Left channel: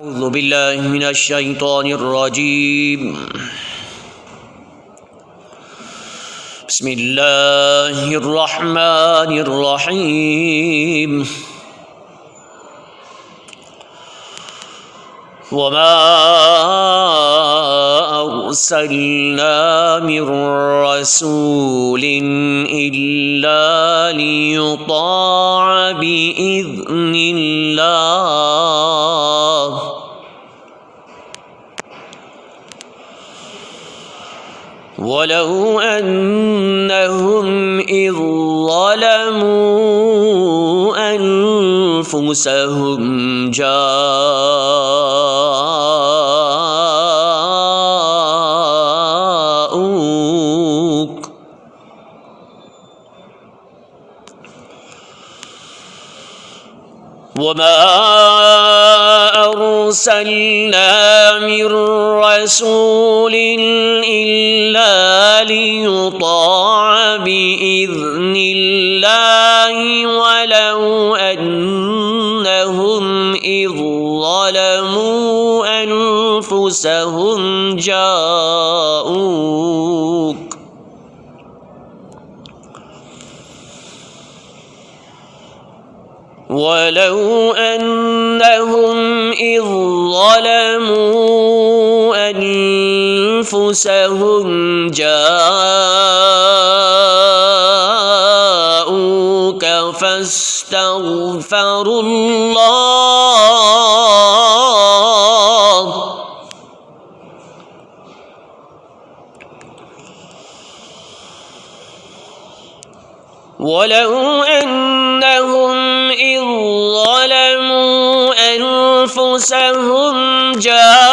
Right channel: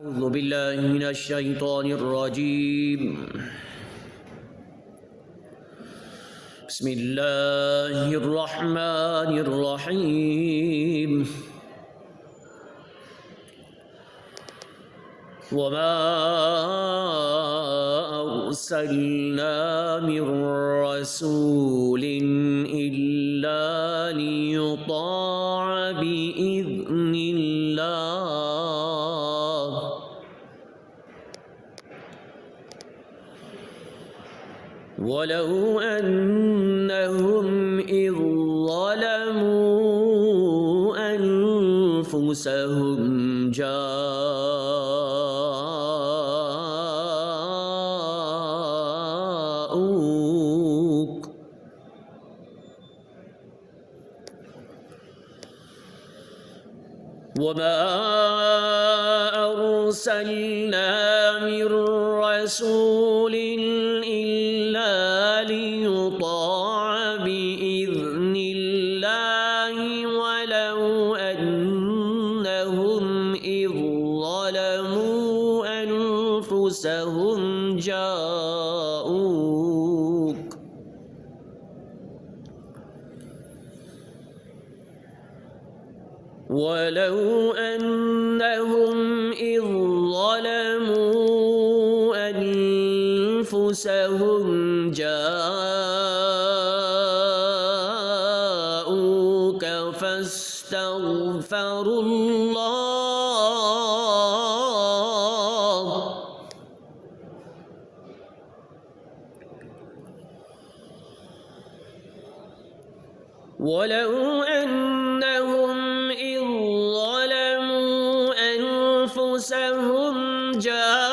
أعوذ بالله من الشيطان الرجيم. بسم الله الرحمن الرحيم. وما أرسلنا من رسول إلا ليطاع بإذن الله ولو أنهم إذ ظلموا أنفسهم جاءوك وما أرسلنا من رسول إلا ليطاع بإذن الله ولو أنهم إذ ظلموا أنفسهم جاءوك ولو أنهم إذ ظلموا أنفسهم جاءوك فاستغفروا الله ولو أنهم إذ ظلموا أنفسهم جاءوك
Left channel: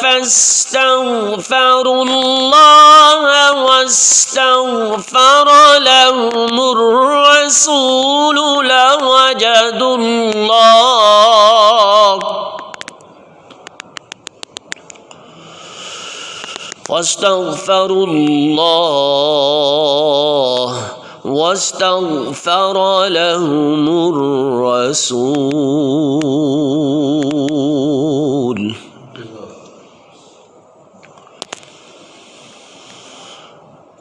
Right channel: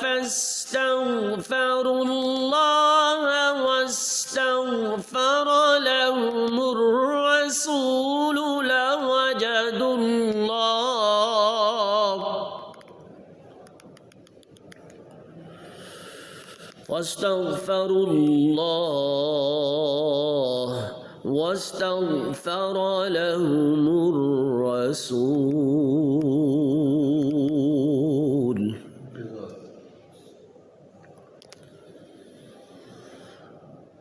فاستغفروا الله واستغفر لهم الرسول لوجدوا الله واستغفروا الله واستغفر لهم الرسول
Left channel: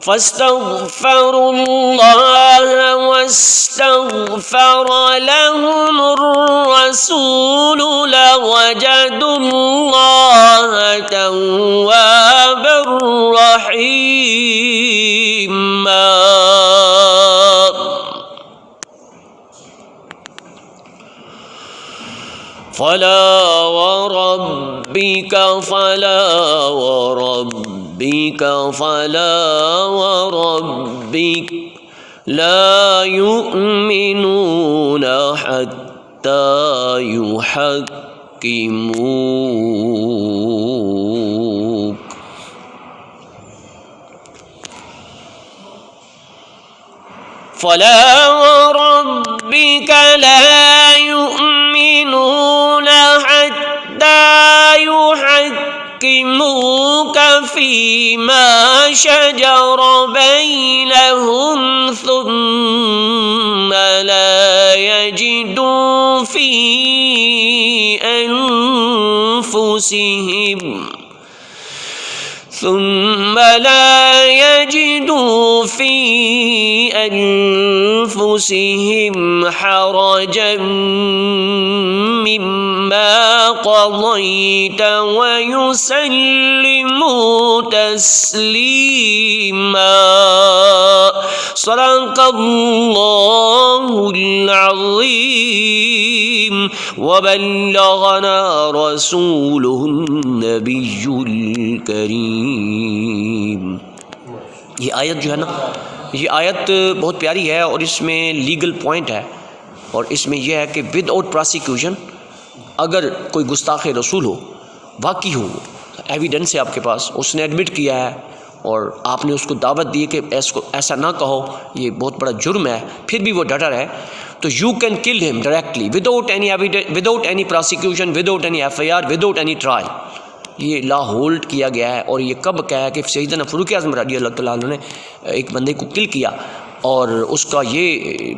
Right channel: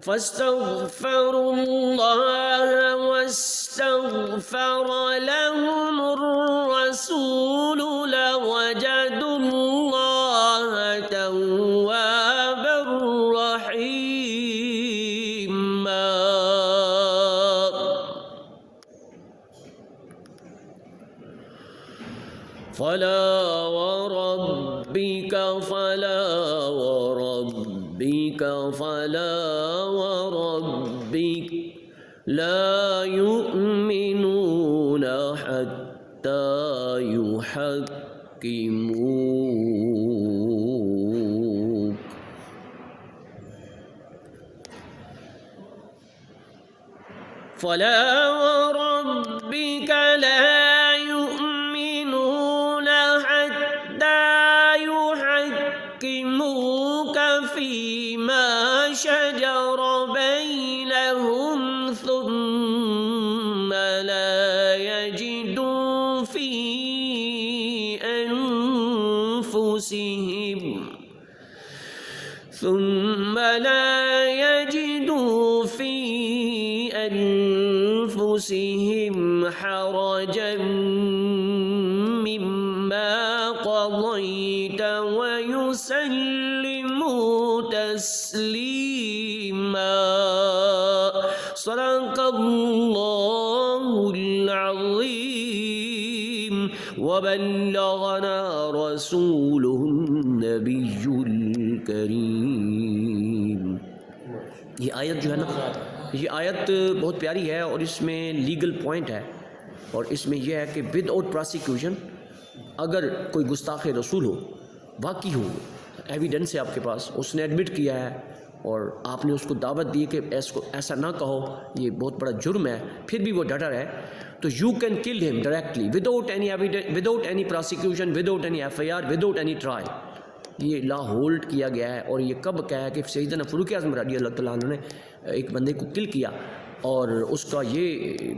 فاستغفروا الله واستغفر لهم الرسول لوجدوا الله توابا رحيما فلا وربك لا يؤمنون حتى يحكموك فلا وربك لا يؤمنون حتى يحكموك فيما شجر بينهم ثم لا يجدوا في أنفسهم حرجا مما قضيت ويسلموا تسليما صدق الله العظيم وبلغنا رسوله النبي الكريم. یہ آیت جو ہے نا، یہ آیت بہت پیاری ہے اور اس میں لیگل پوائنٹ ہے، اور اس میں یہ ہے کہ ود آؤٹ پراسیکیوشن اگر کوئی گستاخ رسول ہو، واقعی ہو، ایویڈنس ہے آپ کے پاس، اس نے ایڈمٹ کیا ہے اور آپ نے اس کو دعوت دی کہ ایسا نہ کہو، یہ بہت بڑا جرم ہے، پھر بھی وہ ڈٹا رہے، تو you can kill him directly without any evidence, without any prosecution, without any FIR without any, trial اینی ٹرائل. یہ لا ہولڈ کیا گیا ہے. اور یہ کب کہا ہے کہ سیدنا فاروق اعظم رضی اللہ تعالیٰ عنہ نے ایک بندے کو کل کیا، اور اس کا یہ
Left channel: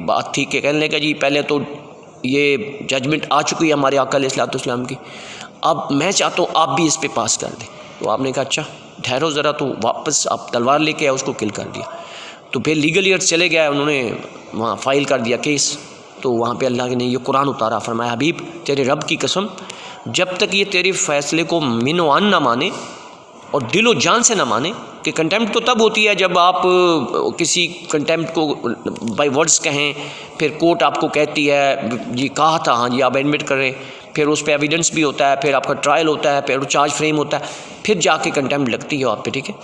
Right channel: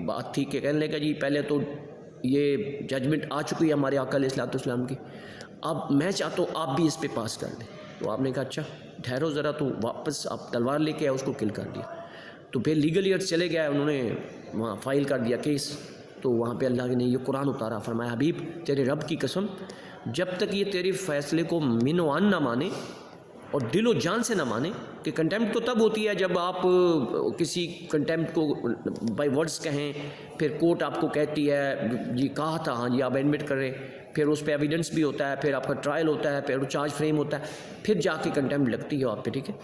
بات تھی کہ کہنے لگا جی پہلے تو یہ ججمنٹ آ چکی ہے ہمارے آقا علیہ السلام کی، اب میں چاہتا ہوں آپ بھی اس پہ پاس کر دیں۔ تو آپ نے کہا اچھا ٹھہرو ذرا، تو واپس آپ تلوار لے کے آئے، اس کو کل کر دیا۔ تو پھر لیگل ایئر چلے گئے، انہوں نے وہاں فائل کر دیا کیس، تو وہاں پہ اللہ نے یہ قرآن اتارا، فرمایا حبیب تیرے رب کی قسم جب تک یہ تیرے فیصلے کو من و عن نہ مانے اور دل و جان سے نہ مانے، کہ کنٹیمپٹ تو تب ہوتی ہے جب آپ کسی کنٹیمپٹ کو بائی ورڈز کہیں، پھر کورٹ آپ کو کہتی ہے جی کہا تھا، ہاں جی آپ ایڈمٹ کریں، پھر اس پہ ایویڈنس بھی ہوتا ہے، پھر آپ کا ٹرائل ہوتا ہے، پھر چارج فریم ہوتا ہے، پھر جا کے کنٹیمپٹ لگتی ہے آپ پہ، ٹھیک ہے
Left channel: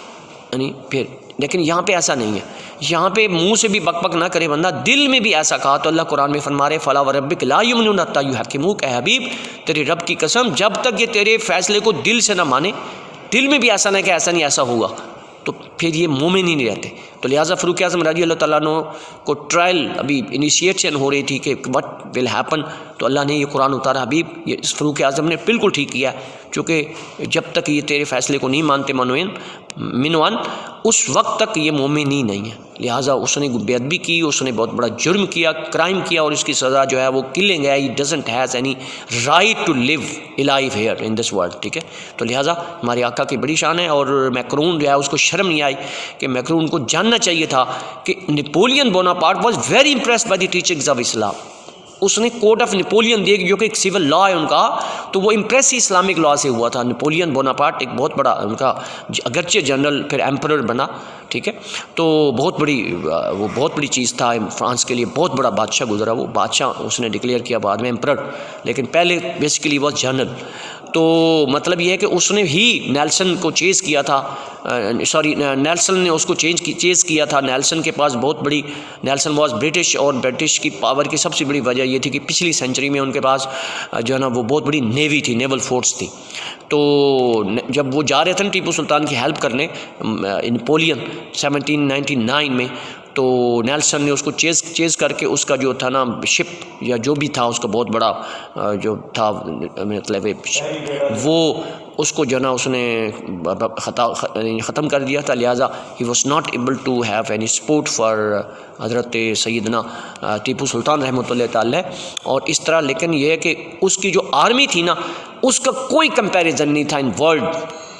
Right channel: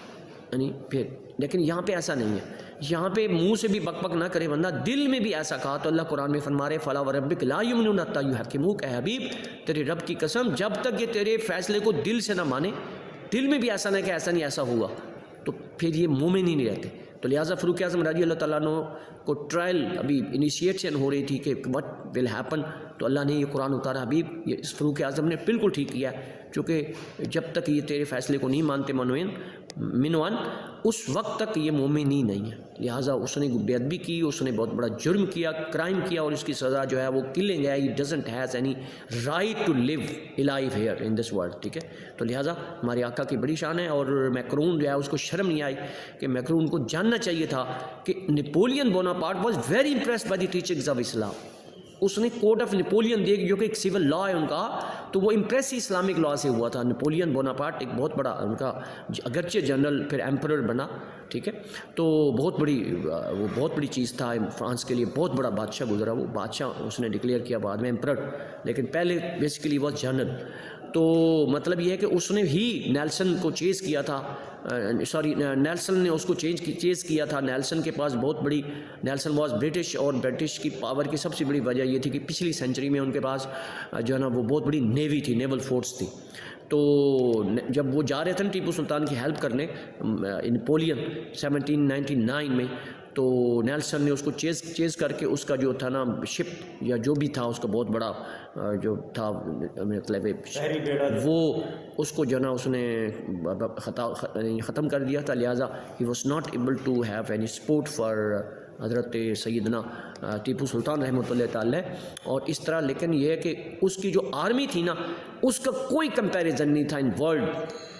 یعنی پھر۔ لیکن یہاں پہ ایسا نہیں ہے، یہاں پہ منہ سے بھی بک بک نہ کرے بندہ، دل میں بھی ایسا کہا تو اللہ قرآن میں فرما رہے فلا وربک لا یؤمنون حتی یحکموک، اے حبیب تیرے رب کی قسم جب تک یہ تیرے فیصلے کو دل سے نہ مانے، دل میں بھی ایسا نہ کہ ایسا نہیں ایسا ہوگا، تو پھر یہ مومن ہی نہیں رہتے۔ تو لہٰذا فاروق اعظم رضی اللہ تعالیٰ عنہ کو ٹرائل ابھی انیشیشن ہو رہی تھی کہ وٹ ول ہیپن، تو اللہ نے یہ قرآن اتارا، حبیب یہ فاروق اعظم نے بالکل ٹھیک کیا ہے، چونکہ جب تک یہ تیرے فیصلے کو نہیں مانتے منوان، اس وقت تک یہ مومن ہی نہیں ہے۔ لہٰذا اس نے بے ادبی کی، اس نے بہت بڑا جرم کیا، کرائم کیا، اور اس کی سزا جو ہے وہ کلنگ ہے، he doesn't has any right to live alive here in this world, ٹھیک ہے۔ تو لہٰذا ہمارے آقا کی بڑی شان ہے، اور میکرون جو ہے اس کو شرم نہیں آئی، کہ میکرون کو جاننا چاہیے تھا کہ Napoleon Bonaparte was very impressed by the teachings of Islam. اس نے کوڈ آف نیپولین دیکھ، جو کہ ایک سول لا ہے ان کا، تو وہ امپریس ہی اسلامک لا سے ہوا تھا۔ نیپولین بوناپارٹ ایک بہت بڑا ان کا اگرچہ جنرل پھر ایمپرر بنا، ٹھیک ہے، تو بہت بڑی وہ بہت بڑی چیز تھا فرانس کے لیے، بہت بڑا بادشاہ گزرا، وہ بادشاہ اس نے ڈکلیئر کیا بعد میں ایمپرر، لیکن پہلے بیسیکلی وہ جنرل۔ تو مطلب یہ ہے کہ اس نے ہی نیلسن کو چیز کیا تھا، نیلسن نے اس کو چیز کیا تھا۔ نیلسن کے پاس بہت بڑی، نیلسن واز برٹش، اور برٹش کی پاور کی سب سے بڑی وجہ یہ تھی کہ پچھلی سینچری میں ان کے پاس جو ہے نا وہ بہت بڑی نیوی تھی، نیول فورس تھی۔ تو جب وہ جا رہے تھے نا ٹیپو سلطان کی ہیلپ کرنے نیپولین 1799 میں، تو نیلسن نے اس کو چیز کر کے اس کا جو تھا نا شپ یا جو بھی تھا اس کا بہت بڑا جو تھا مطلب وہ اس کو جو نا اس نے ختم کر دیا تھا۔ لہٰذا he was not able to have any support for حضرت سیدنا ٹیپو سلطان رحمۃ اللہ تعالی۔ اور اس طرح لیکن یہ ہے کہ اس کی جو آرمی تھی نا اس کا کوئی کمپیریزن نہیں تھا ان ورلڈ،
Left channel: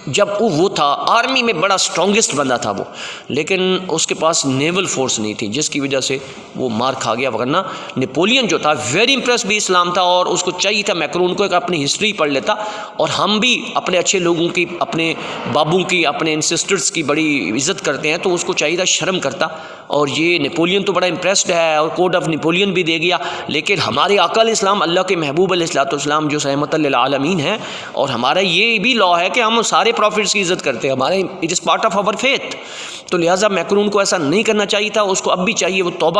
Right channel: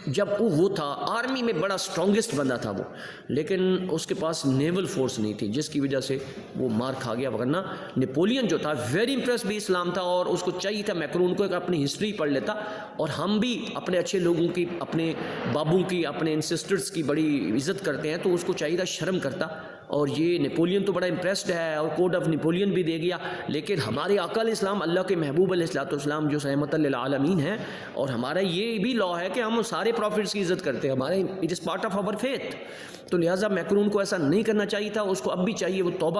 جب وہ تھا آرمی میں بڑا اسٹرانگسٹ بندہ تھا وہ، لیکن اس کے پاس نیول فورس نہیں تھی، جس کی وجہ سے وہ مار کھا گیا۔ ورنہ نیپولین جو تھا ویری امپریس بھی اسلام تھا، اور اس کو چاہیے تھا میکرون کو ایک اپنی ہسٹری پڑھ لیتا، اور ہم بھی اپنے اچھے لوگوں کی، اپنے بابوں کی، اپنے انسسٹرز کی بڑی عزت کرتے ہیں، تو اس کو چاہیے تھا شرم کرتا۔ اور یہ نیپولین تو بڑا امپریسڈ ہے اور کوڈ آف نیپولین بھی دے گیا، لیکن ہمارے آقا علیہ السلام اللہ کے محبوب علیہ السلام جو رحمۃ للعالمین ہیں، اور ہمارا یہ بھی لا ہے کہ ہم سارے پروفٹس کی عزت کرتے ہیں، ہمارے it is part of our faith. تو لہٰذا میکرون کو ایسا نہیں کرنا چاہیے تھا، اس کو اب بھی چاہیے وہ توبہ